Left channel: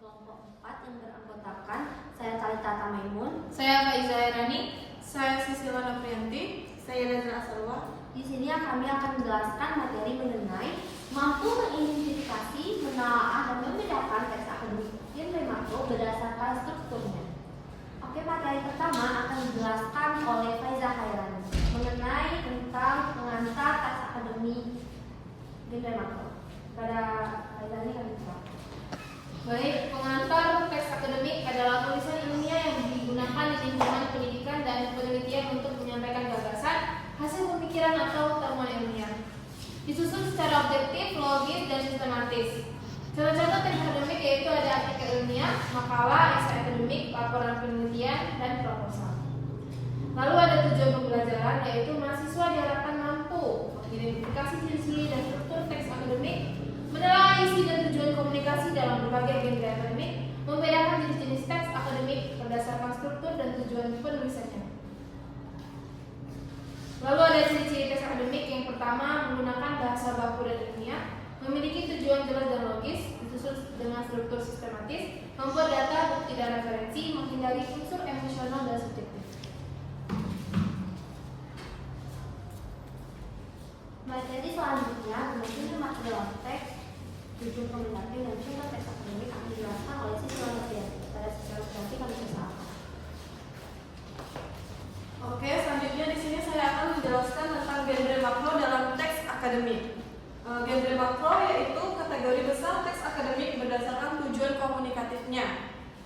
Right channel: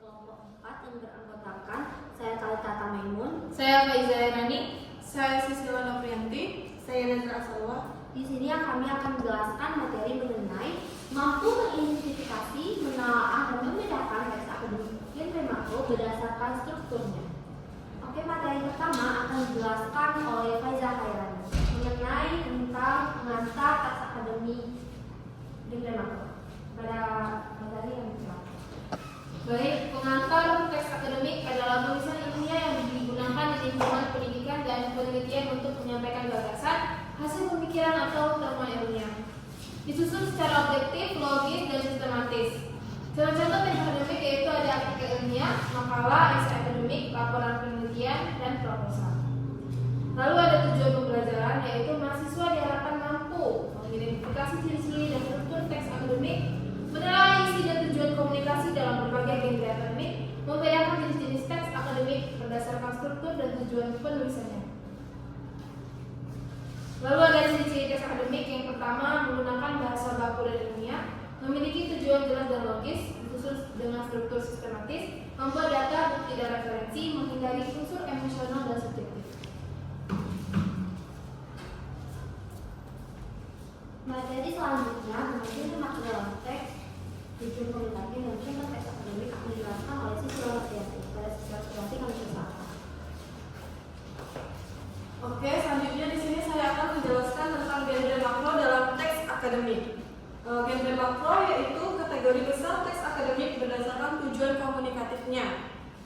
kelompok 4 yang beranggotakan saya Talita Tamaimun, saya Faiza Herani, saya Sisila Noprianti, saya Nazra Asalwa. Di sini kami akan menjelaskan materi mengenai mampu mengidentifikasi, menelaah, dan membedakan teks akademik genre makro berdasarkan strukturnya. Oke, materi pertama akan dijelaskan oleh Faiza Herani mengenai tentang pengantar teks akademik genre makro. Pada Faiza ini kami silakan. Baik, pengantar teks akademik adalah tulisan ilmiah yang digunakan di lingkungan pendidikan dan penelitian untuk menyampaikan gagasan, hasil pemikiran atau temuan ilmiah. Disusun secara objektif, logis, dan sistematis. Contoh-contoh teks akademik yaitu ada artikel ilmiah, makalah, esai akademik, laporan penelitian, dan proposal. Lalu ada tujuan pembelajaran, yaitu mahasiswa diharapkan mampu mengidentifikasi ciri-ciri dan struktur teks akademik, menelaah isi dan tujuan komunikasi dalam berbagai genre akademik, membedakan jenis-jenis teks akademik berdasarkan struktur dan tujuan penulisannya. Lalu ada ciri-ciri teks akademik. Yang pertama, menggunakan bahasa baku dan ilmiah, memiliki tujuan jelas dan logis, disusun dengan struktur sistematis, membuat data, bukti, dan referensi, menghindari unsur emosional dan subjektif. Materi selanjutnya mungkin material teks, tujuan komunikasi, dan sumber teks akademik akan dijelaskan oleh Sisila Noprianti. Pada Sisila Noprianti kami silakan. Oke, selanjutnya di sini saya akan menjelaskan tentang genre makro dalam teks akademik. Genre makro yaitu kategori besar teks akademik berdasarkan tujuan komunikatifnya.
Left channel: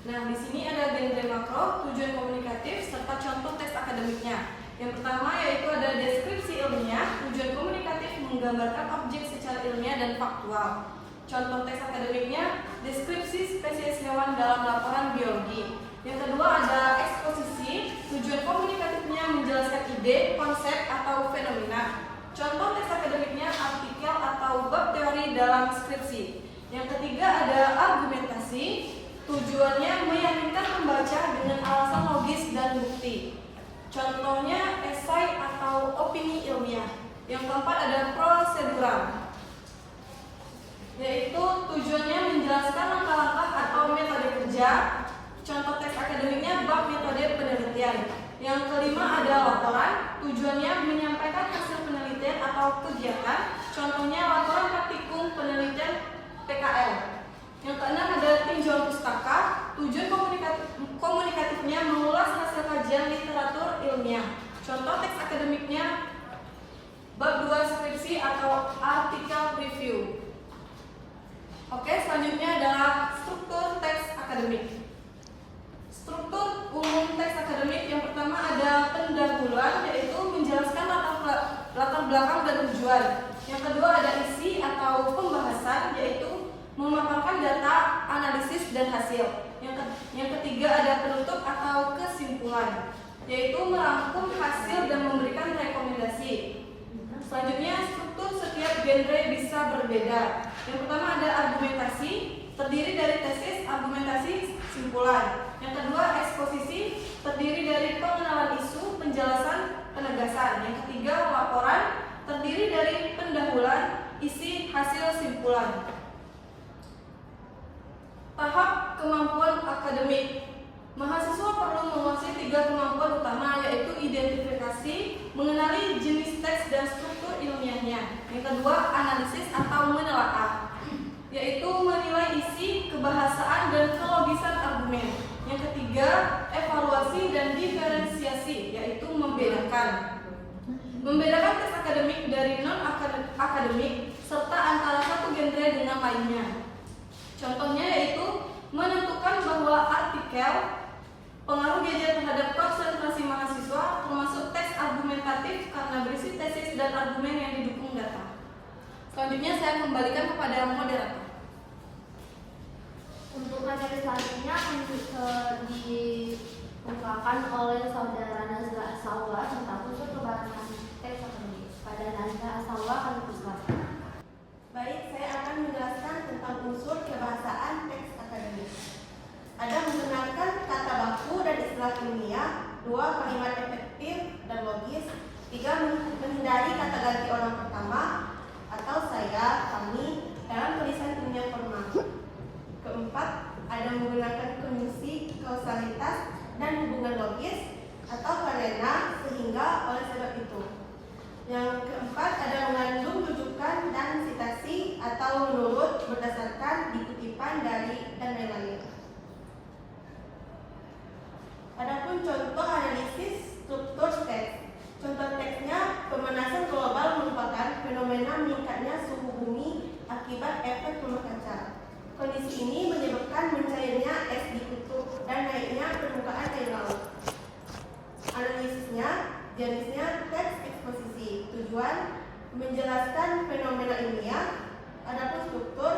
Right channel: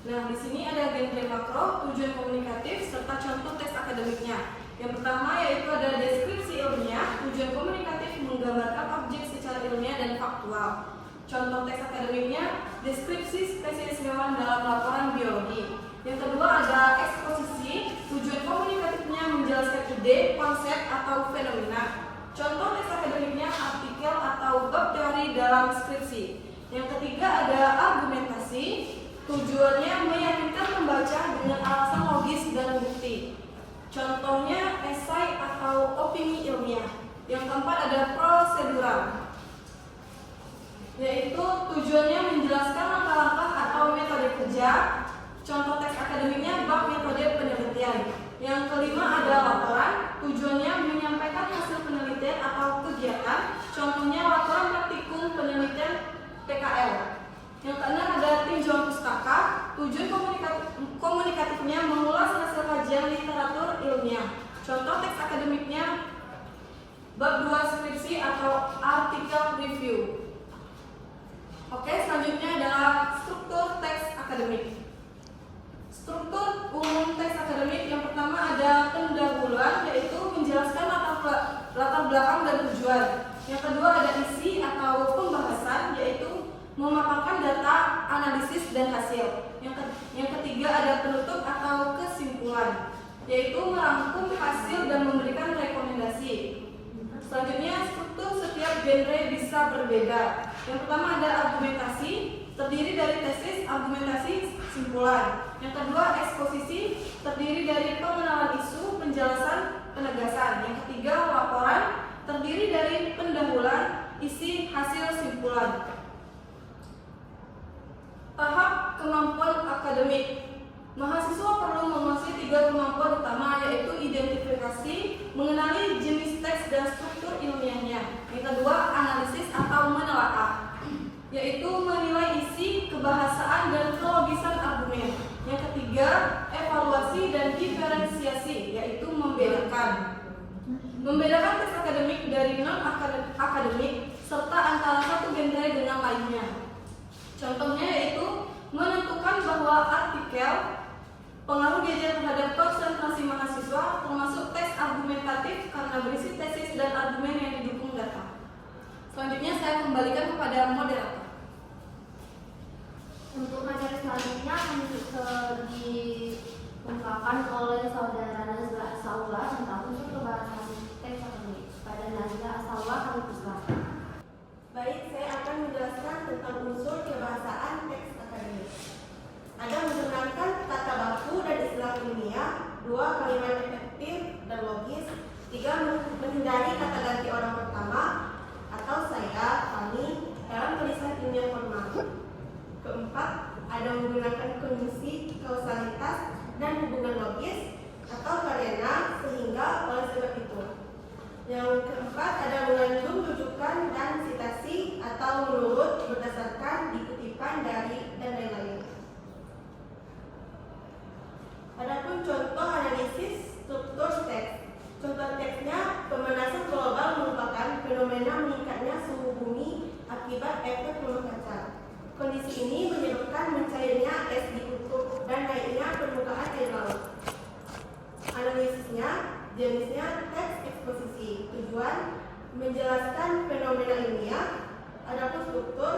Nah, di sini ada genre makro, tujuan komunikatif, serta contoh teks akademiknya. Yang pertama yaitu ada deskripsi ilmiah, tujuan komunikatif menggambarkan objek secara ilmiah dan faktual. Contoh teks akademiknya, deskripsi spesies hewan dalam laporan biologi. Yang kedua ada eksposisi, tujuan komunikatifnya menjelaskan ide, konsep, atau fenomena. Contoh teks akademiknya artikel atau bab teori dalam skripsi. Yang ketiga ada argumentasi, tujuannya meyakinkan pembaca dengan alasan logis dan bukti. Contohnya esai atau opini ilmiah. Yang keempat ada prosedural, yaitu tujuannya menjelaskan langkah-langkah atau metode kerja. Contoh teks akademiknya bab metode penelitian. Yang kelima ada laporan, tujuannya menyampaikan hasil penelitian atau kegiatan. Contohnya laporan praktikum penelitian PKL. Yang keenam ada tinjauan pustaka, tujuan komunikatifnya mengulas hasil kajian literatur ilmiah. Contoh teks akademiknya bab 2 skripsi atau artikel review. Oke, selanjutnya adalah struktur teks akademik. Struktur umum teks akademik yang pertama ada pendahuluan, yaitu menjelaskan latar belakang dan tujuan. Yang kedua ada isi atau pembahasan, yaitu memaparkan data, analisis, dan hasil. Yang ketiga ada penutup atau kesimpulan, yaitu merangkum hasil dan memberikan rekomendasi. Selanjutnya struktur setiap genre bisa berbeda. Yang pertama ada argumentasi, terdiri dari tesis, argumentasi, simpulan. Yang kedua eksposisi, terdiri dari pengenalan isu, penjelasan, penegasan. Yang ketiga laporan, terdiri dari pendahuluan, isi, hasil, simpulan. Tahap kemampuan akademik. Mahasiswa perlu menguasai 3 kemampuan utama, yaitu identifikasi, mengenali jenis teks dan struktur ilmiahnya. Yang kedua analisis atau menelaah, yaitu menilai isi, kebahasaan, dan kelogisan argumen. Yang ketiga evaluasi dan diferensiasi, yaitu membedakan teks akademik dari non akademik serta antara satu genre dengan lainnya. Contohnya yaitu menentukan bahwa artikel pengaruh genre terhadap konsentrasi mahasiswa, termasuk teks argumentatif karena berisi tesis dan argumen yang didukung data. Selanjutnya saya kembalikan kepada moderator. Untuk materi selanjutnya akan dikemukakan oleh saudara Nazra Asalwa tentang unsur kebahasan teks akademik. Pada Nazra Asalwa kami persilakan. Baik, saya akan menjelaskan tentang unsur kebahasaan teks akademik. Ada menggunakan kata baku dan istilah ilmiah, 2 kalimat efektif dan logis, 3 menghindari kata ganti orang pertama atau saya, kami dalam tulisan ilmiah formal. Keempat, ada ada mengandung rujukan dan sitasi atau menurut berdasarkan dikutipan dari dan lain-lain. Adapun contoh analisis struktur teks. Contoh teksnya, pemanasan global merupakan fenomena meningkatnya suhu bumi akibat efek rumah kaca. Kondisi ini menyebabkan mencairnya es di kutub dan naiknya permukaan air laut. Analisisnya, jenisnya teks eksposisi. Tujuan menjelaskan fenomena ilmiah. Adapun struktur,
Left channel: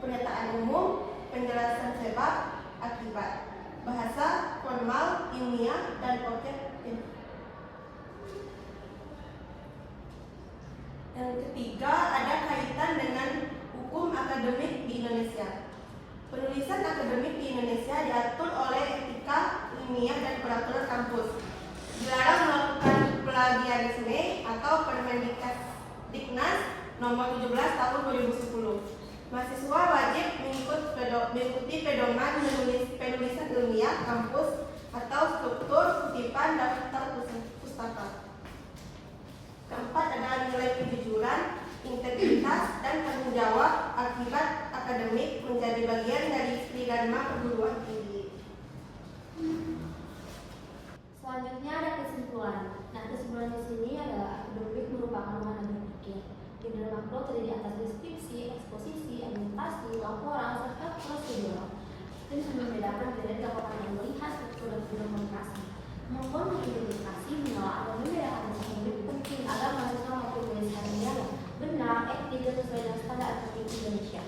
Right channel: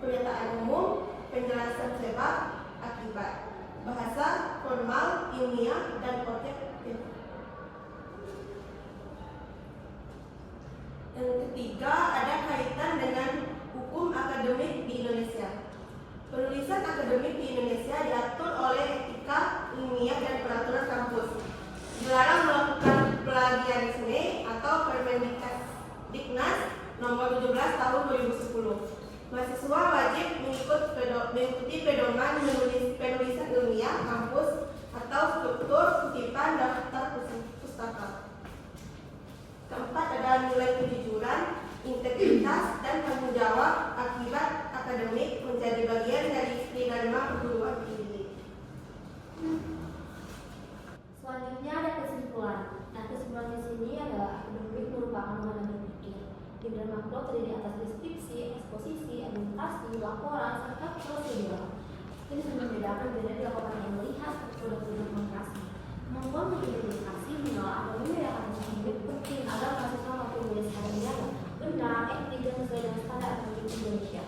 pernyataan umum, penjelasan sebab, akibat. Bahasa, formal, ilmiah, dan objektif. Yang ketiga, ada kaitan dengan hukum akademik di Indonesia. Penulisan akademik di Indonesia diatur oleh etika ilmiah dan peraturan kampus. Dilarang melakukan plagiarisme atau Permendiknas nomor 17 tahun 2010. Mahasiswa wajib mengikuti pedoman penulisan ilmiah kampus atau struktur kutipan daftar pustaka. Keempat adalah nilai kejujuran, integritas, dan tanggung jawab akibat akademik menjadi bagian dari Tridharma perguruan tinggi. Selanjutnya ada kesimpulan. Nah, kesimpulan di sini adalah akademik merupakan mana berpikir. Genre makro terdiri atas deskripsi, eksposisi, argumentasi, laporan, serta prosedural. Ini bisa membedakan genre dilakukan yang melihat struktur dan komunikasi. Kemampuan mengidentifikasi, menolak, atau membedakan akademik penting agar mahasiswa maupun dosen yang benar, etik, dan sesuai dengan standar akademik Indonesia.